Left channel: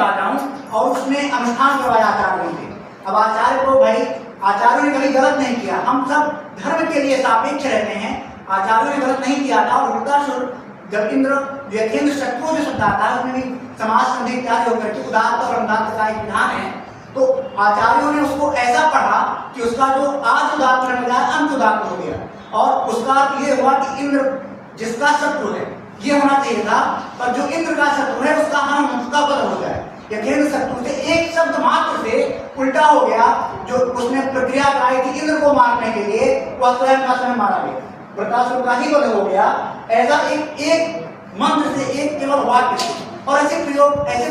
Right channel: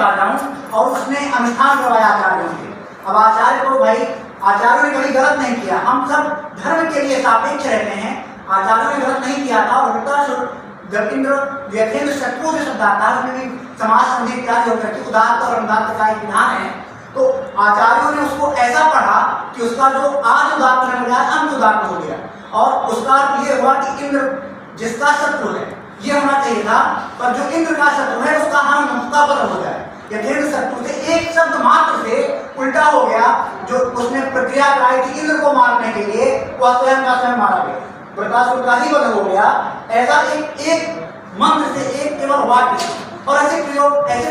लेकर जाऊं और उसमें अनुष्ठान करवाया आचार्यों ने। अब आचार्य को भाई आचार्यों ने कभी गलत नहीं किया, हम सब धर्म के लिए सापेक्ष रहते हैं, आचार्यों ने गलत नहीं किया था। और वृत्तासुर जब इंद्र व्यथेंद्र शत्रु जो शब्द आता है उसमें भी समाज संधि इत्यादि होकर के उदात्त और अनुदात्त का एक विधान है, तो आचार्यों ने उसको ऐसा पढ़ा कि उसका जो आज उदात्त होने लगा अंत उदात्त हो गया। और उसका अर्थ ये हुआ कि इंद्र जिसका शत्रु है ये होना चाहिए था, पर जो इंद्र का शत्रु है उसका हनन उसका बध हो जाए। यथेंद्र शत्रु से एक शब्द मात्र से उल्टा हो गया, जो उसने प्रक्रिया कराई थी इंद्र को मारने के लिए वह स्वयं का स्वयं मारा गया, वृत्तासुर का ही वध हो गया। ऐसा एक मंत्र से एक केवल वाक्य से, और ऐसे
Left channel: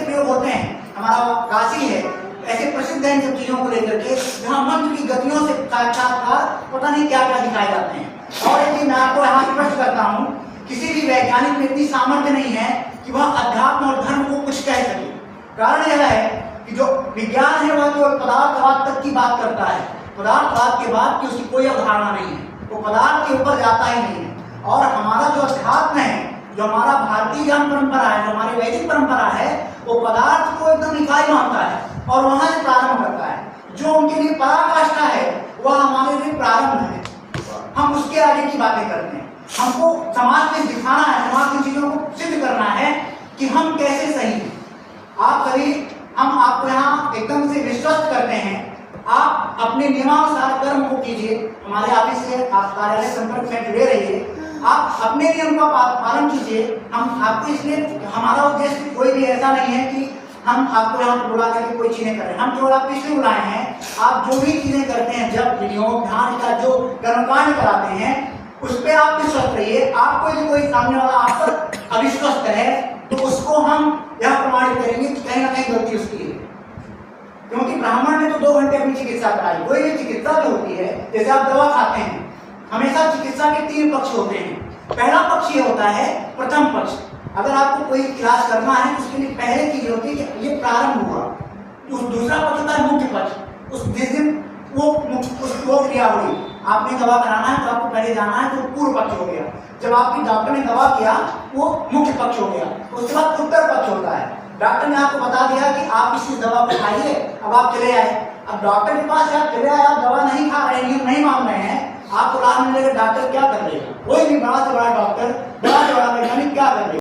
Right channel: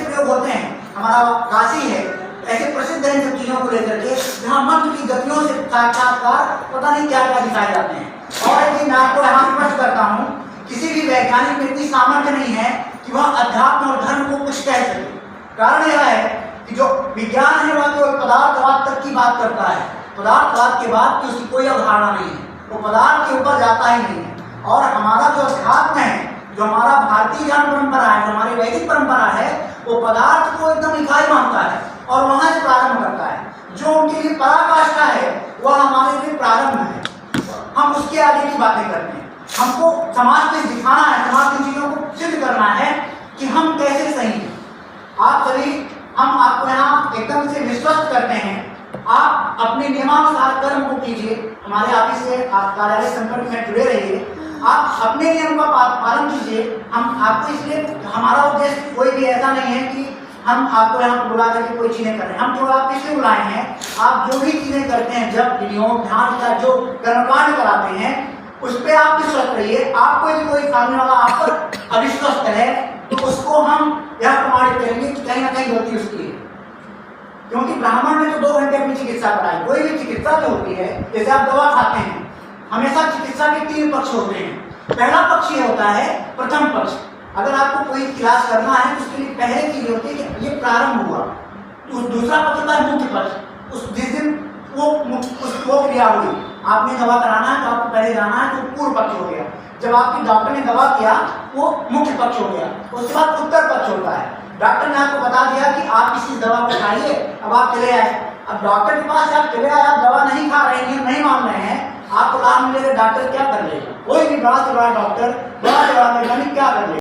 प्रयोग होते हैं। हमारा काशी है ऐसे प्रसिद्ध है इन सब चीजों को लेकर के, जहाँ मंत्र की गतियों से साक्षात्कार पता नहीं क्या क्या दिखाए जाते हैं। और एक चीज मैं आपको यहाँ स्पष्ट करता हूँ, किसी भी वैज्ञानिक में इतनी सामर्थ्य नहीं है कि वह अध्यात्म और धर्म को कुछ कह सके। कारण यह है कि जो विज्ञान है वह केवल पदार्थवाद तक की बात करता है, पदार्थवाद के बाद की उसकी कोई अवधारणा नहीं है, वो पदार्थ के ऊपर जाता ही नहीं है। और हमारा जो अध्यात्म है, जो हमारा भारतीय ज्ञान परंपरा है, जो हमारी वैदिक परंपरा है, वो पदार्थ को एकदम इकाई मानता है और वहां से प्रारंभ करता है। जो उनके लिए पराकाष्ठा है वह हमारे लिए प्रारंभ है, हम उसके आगे की बातें करते हैं। हमको समाज में दिखाना है, समाज की चीजों को सिद्ध करना है कि हम कैसे सही हैं। आप सभी, हम आपको यहाँ एकदम से विश्वस्त करते हैं, आप अपने नियमानुसार कर्म को कीजिए, हमारे ऑफिस से आप कार्यालय संपर्क में जुड़े रहिए, आप अपने नियम का पालन कीजिए। हम आपको इसलिए, हमारा उद्देश्य कोई भी ऐसा नहीं है कि हम आपको यहाँ पर बुला करके कोई चीजें कर रहे हैं, हम केवल आपको इसलिए बुलाए हैं, आप जो भी चीजें करते हैं, जब विनियोग ध्यान का जो कर्मकांड कराते हैं उस पर आप विश्वस्त रहिए। आपको यदि कोई सामने वाला आप पर अविश्वस्त है तो उसको हम यह प्रमाणित करेंगे कि कहीं ना कहीं गलती उसकी है। क्योंकि ब्राह्मण ने तो 2 घंटे अपनी चिकित्सा कराई। कोई भी चिकित्सा जो होती है, जैसे आप दवा खाते हैं, हमेशा चिकित्सा के 3 पक्ष होते हैं। पहला पक्ष ये होता है प्रथम पक्ष, अगर आपको कोई इलाज करना है तो उसके लिए पहले चीज होती है कि ये प्रारंभ हुआ। दूसरा पक्ष होता है मुख्य पक्ष, उस जिस दिन वो क्रिया हुई, आपने दवा कराना है तो आपको पहले जाना है, तो पूर्व पक्ष हो गया। जब आपकी डॉक्टर ने दवा किया वो मुख्य पक्ष हो गया। उसके बाद उत्तर पक्ष होता है, डॉक्टर ने आपको बता दिया कि आप इसी दवा को खाइए, अब आप चले आए। अब डॉक्टर के पास आप चले आए, आप दवा नहीं खा रहे हैं, नहीं मान रहे हैं, आपको लाभ मिलेगा, डॉक्टर क्या कर लेगा? कोई भी बड़ा से बड़ा डॉक्टर, बड़ा से बड़ा वैज्ञानिक क्या कर लेगा?